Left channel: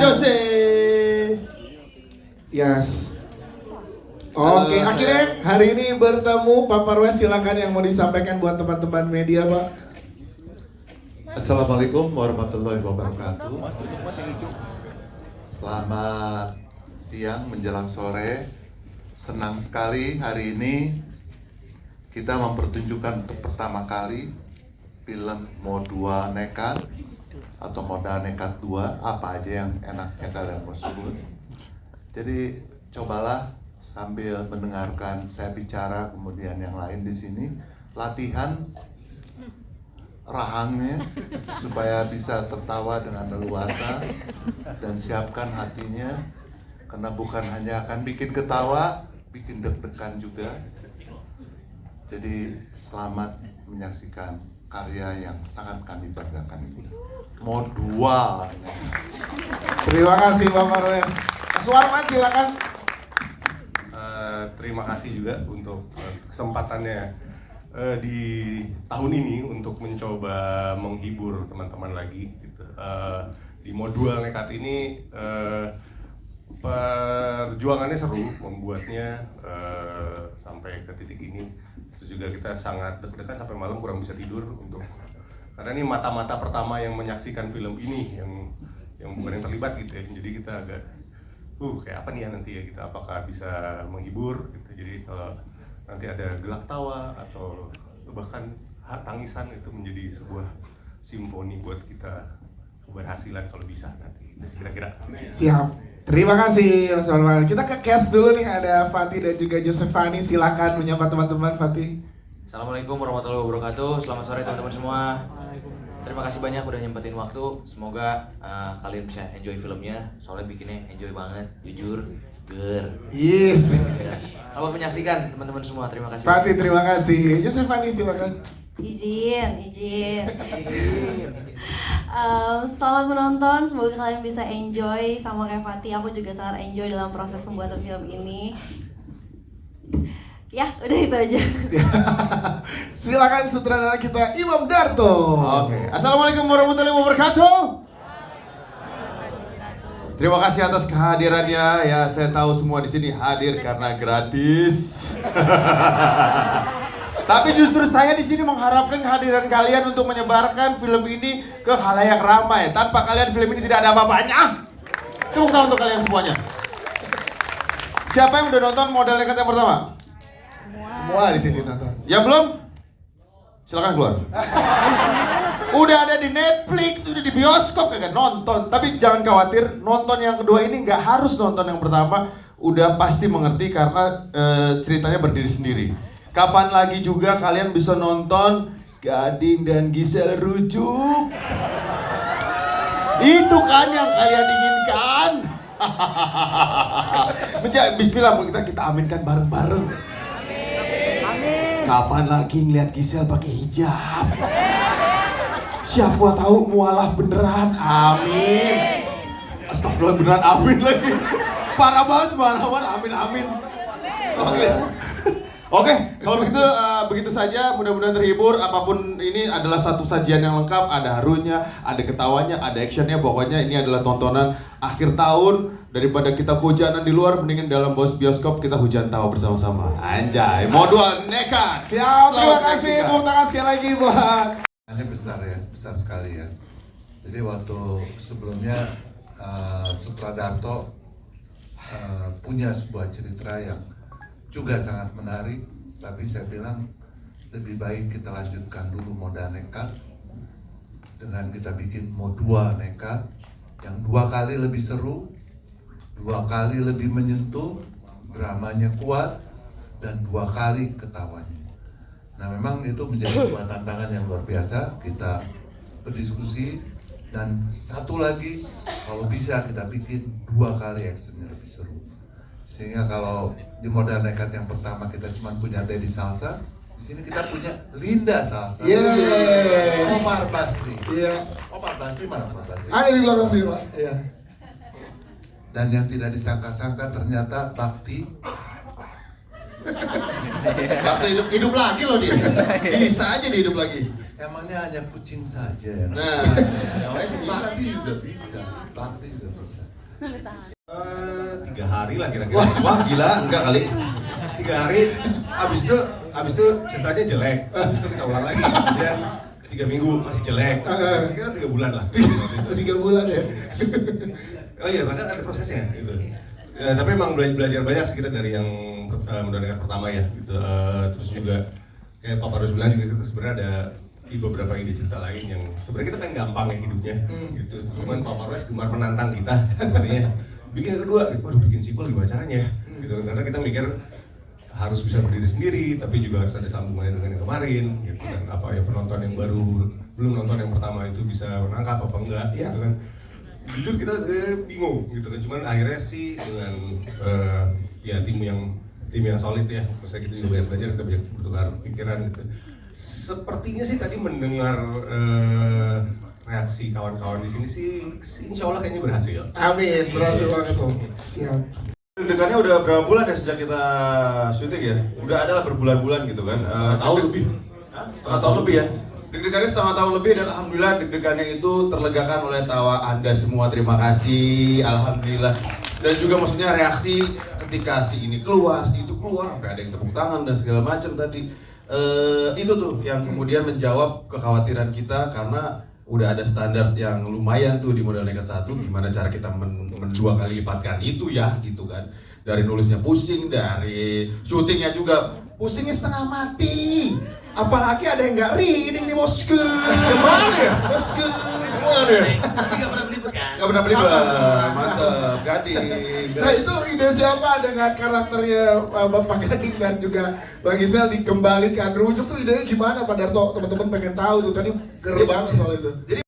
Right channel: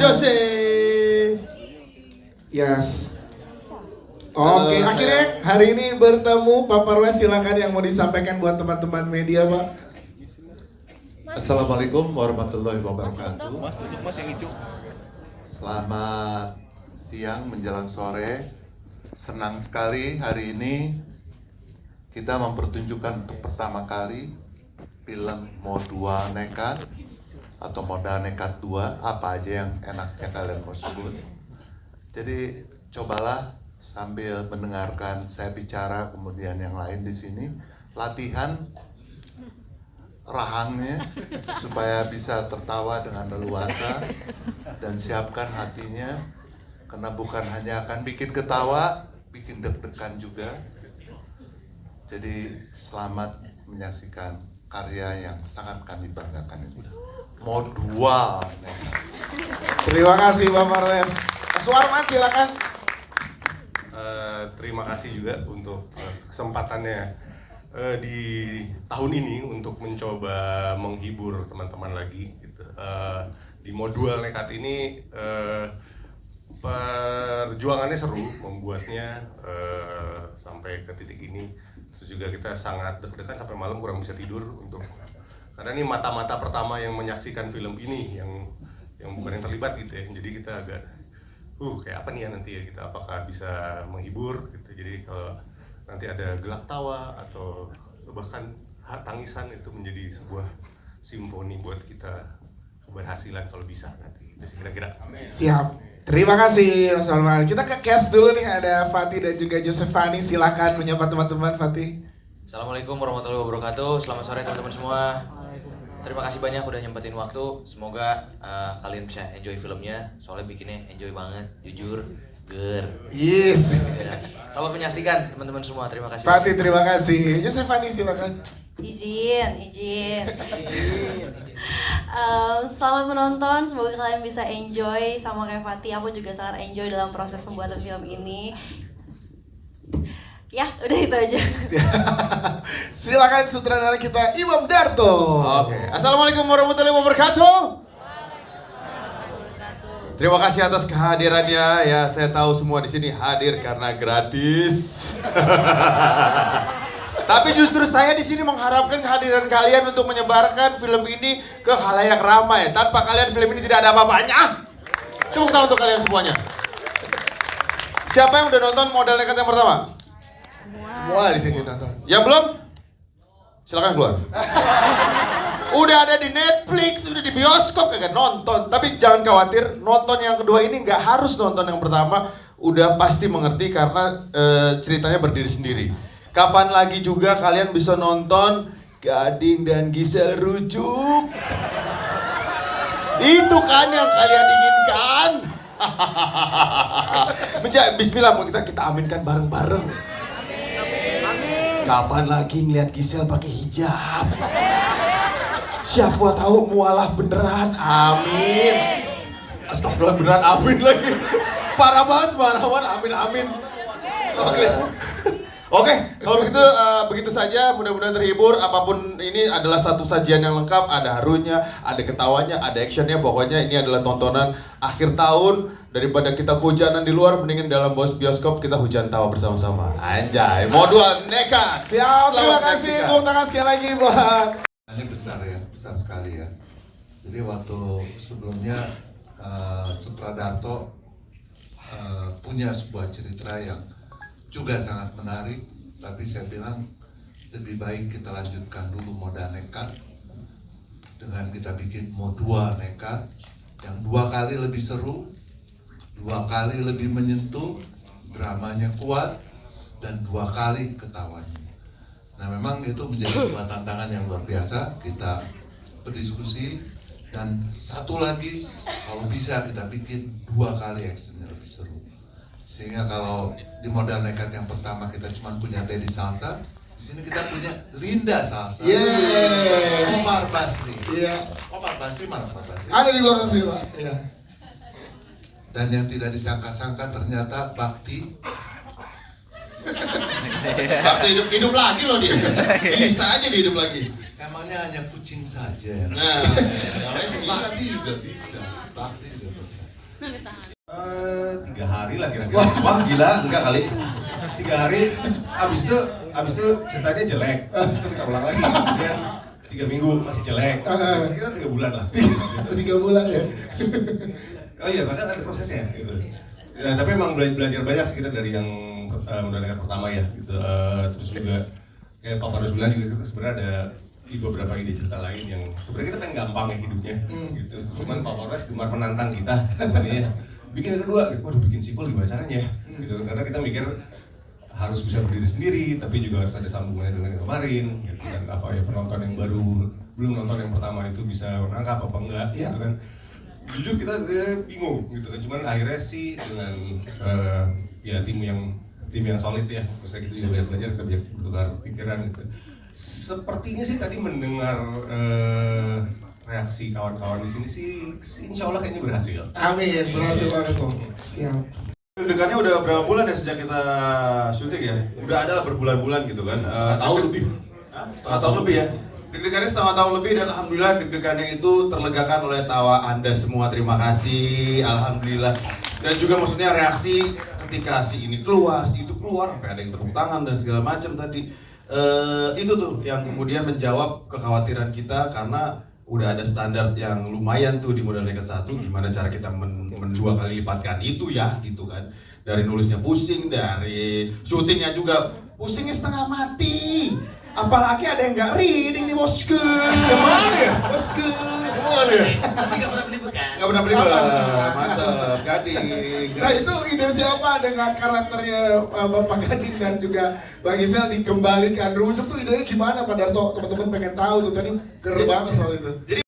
Jose. Yes. Oke, akhirnya hari ini bertemu Pak Parwas, silakan yang mau disampaikan buat teman-teman media, Pak. Assalamualaikum warahmatullahi wabarakatuh. Selamat siang menjelang sore. Senang sekali hari ini kita mempertunjukkan untuk pertama kali film Modua Nekat atau Modal Nekat 2, apa aja yang enaknya kalian prosedur. Jadi cobalah sambil mendengarkan saya bicara, kemudian yang lain di sini latihan rahangnya supaya bisa tertawa dengan leluasa dan siapkan hatinya, karena bukan hanya akan bikin ketawa, bikin deg-degan juga. Jadi selamat menyaksikan karya yang sangat kami banggakan ini, Modua. Terima kasih Pak Parwas. Mas Warman silakan. Terima kasih juga untuk kesempatannya di tahun ini untuk mencoba menghibur teman-teman lagi gitu. Di Modua Nekat ini perjuangannya seru membuatnya sampai ke titik ini. Terus juga kita sangat deg-degan sampai malam kurang bisa tidur untuk, karena ini mata-mata pertama yang menyaksikan film ini yang bukan yang terlibat gitu ya. Jadi kita agak kayak apa nih ya nanti ya, kita apakah bisa menghibur gitu. Jadi kalau nanti ada gelak tawa atau bahkan tangisan, itu menjadi sebuah simfoni buat kita keberhasilan kalau bisa nanti. Itu sih kira-kira. Siap. Terima kasih Mas Warman. Kita ke cast dulu nih, ada Fatih dan juga Josefani. Silakan menyapa teman-teman. Fatih. Assalamualaikum warahmatullahi wabarakatuh. Selamat sore teman-teman semua. Terima kasih banyak udah nyempetin waktu. Semoga kalian bisa enjoy filmnya. Soalnya bikinnya enjoy banget, jujur, ger. Yes. Kalau menyaksikan teman-teman semua, terima kasih. Fatih, terima kasih. Josefani silakan. Izin. Selamat menonton, semoga kalian bisa enjoy sama Revati. Aku juga sangat enjoy dalam proses pembuatan film ini. Ya, udah itu aja. Silakan sutradara kita Imam Darto. Oke. Assalamualaikum warahmatullahi wabarakatuh. Terima kasih atas kehadirannya. Ya, saya tahu semua di sini hadir karena gratis. Tapi justru saya di sini mengharapkan kehadiran kalian untuk menyebarkan film ini ke khalayak ramai. Tanpa kalian film ini tidak ada apa-apanya. Tepuk tangan untuk kalian semuanya. Siapa yang udah nonton Modal Nekat yang pertama? Semua di sini nonton. Ya belum? Silakan keluar. Udah ada di Netflix, udah di bioskop, kagak nonton. Tapi jangan khawatir, nonton yang kedua ini nggak harus nonton yang pertama. Udah pasti mengerti karena ceritanya berdiri sendiri. Kapan lagi juga kalian bisa nonton Gading dan Gisel rujuk? Itu kan yang kalian inginkan. Bismillah, kita aminkan bareng-bareng. Kapan lagi ngeliat Gisel pakai hijab? Siapa tahu mualah beneran, amin. Astagfirullah, beneran amin lagi. Parah banget, amin. Oke, kalau gitu begitu saja, mudah-mudahan terhibur. Apapun ini adalah satu sajian yang lengkap, ada harunya, ada ketawanya, ada actionnya. Pokoknya ini adalah tontonan akhir tahun. Daripada kita hujanan di luar, mendingin dalam bioskop kita hujan tawa bersama-sama. Anjay, Modua Nekat. Siap, terima kasih. Tepuk tangan sekali lagi buat. Ini besar ya, besar sekali ya. Jadi waktu sebelumnya Sutradarto punya sebuah cerita yang juga sangat menarik, tapi saya bilang lebih baik kita lanjutkan dulu Modal Nekat dengan kita bikin Modua Nekat yang 2 kali lebih seru, 2 kali lebih menyentuh, dramanya kuat, dan 2 kali ketawanya. Nah memang itu menjadi sebuah tantangan yang luar biasa. Kita berdiskusi, dan satu lagi kalau bisa kita bikin 2 kali actionnya lebih seru. Sehingga kalau di Modal Nekat yang pertama kita cuma punya Teddy Salsa, di sini kita punya Linda Salsa. Yes. Omar Basri. Iya. Omar Basri mana Omar Basri? Ada di belakang sini, Pak. Iya. Dan yang tidak disangka-sangka ternyata Bakti. Bakti hidup lagi loh dia. Bisa aja dia hidup lagi. Emangnya hanya kucing saja. Nah, Bakti juga bisa. Bakti juga bisa. 3 hari lah kira-kira. Wah gila, enggak kali. 3 hari, abis itu ceritanya jelek. Abis itu kita ulang lagi. Kemudian 3 minggu masih jelek. Sekitar 3 bulan lah. 3 bulan ya. Oh iya, bahkan ada prosesnya gitu. Ya, tapi emang belajar banyak sih kita dari yang mendengar pertama ya. Gitu. Terus juga kayak Papa Rus bilang juga kita sebenarnya ada beberapa ide cerita lain yang sebenarnya kita pengen gampang ya hidupnya. Gitu. Cuman Papa Rus gemar menantang kita sebenarnya. Bikin yang kedua, gitu. Waduh bikin sequel gimana caranya? Gitu. Karena kita mikir harus bisa berdiri sendiri, tapi juga harus ada sambungannya dengan yang kemarin. Gitu. Dan apa ya penonton yang baru belum nonton yang pertama itu bisa nangkap apa enggak? Gitu kan. Jujur kita bingung gitu kan, cuman akhirnya sih dengan ya tim yang solid ya, maksudnya kita juga belajar, kita bertukar pikiran gitu. Sepertinya sih tadi mendengar reaksi kawan-kawan di sini sih insya Allah kayaknya berhasil. Amin, berhasil banget tuh. Siap. Deg-degannya udah berapa bulan ya sejak kita syuting ya? Udah ada lah berbulan-bulan gitu kan. Tahun lebih. Setengah tahun lebih ya. Deg-degannya setengah tahun lebih dan alhamdulillah deg-degannya itu terlegakan oleh tawa Anda semua. Terima kasih, alhamdulillah. Dan juga maksudnya reaksi ketika si ini keluar, si itu keluar, sampai ada yang tepuk tangan dan segala macam tadi. Itu tuh yang kemudian menjawab kekhawatiran kita karena udah ada standar yang lumayan tuh di Modal Nekat 1, gimana cara kita mendua kali lipatkan itu ya gitu kan. Dari nulisnya pusing, dari syutingnya juga pusingnya setengah mati. Apalagi ada yang nggak reading nih bosku. Gimana ya bosku? Gimana ya? Nggak pernah beli kan? Nggak pernah beli mantep, Gading. Nah itu ide siapa dengan karakternya Bapak Gading dan juga Bang Isel dikembalikan rujuk tuh idenya gimana Pak Darto? Teman-teman pengen tahu tuh tadi keren banget soal itu.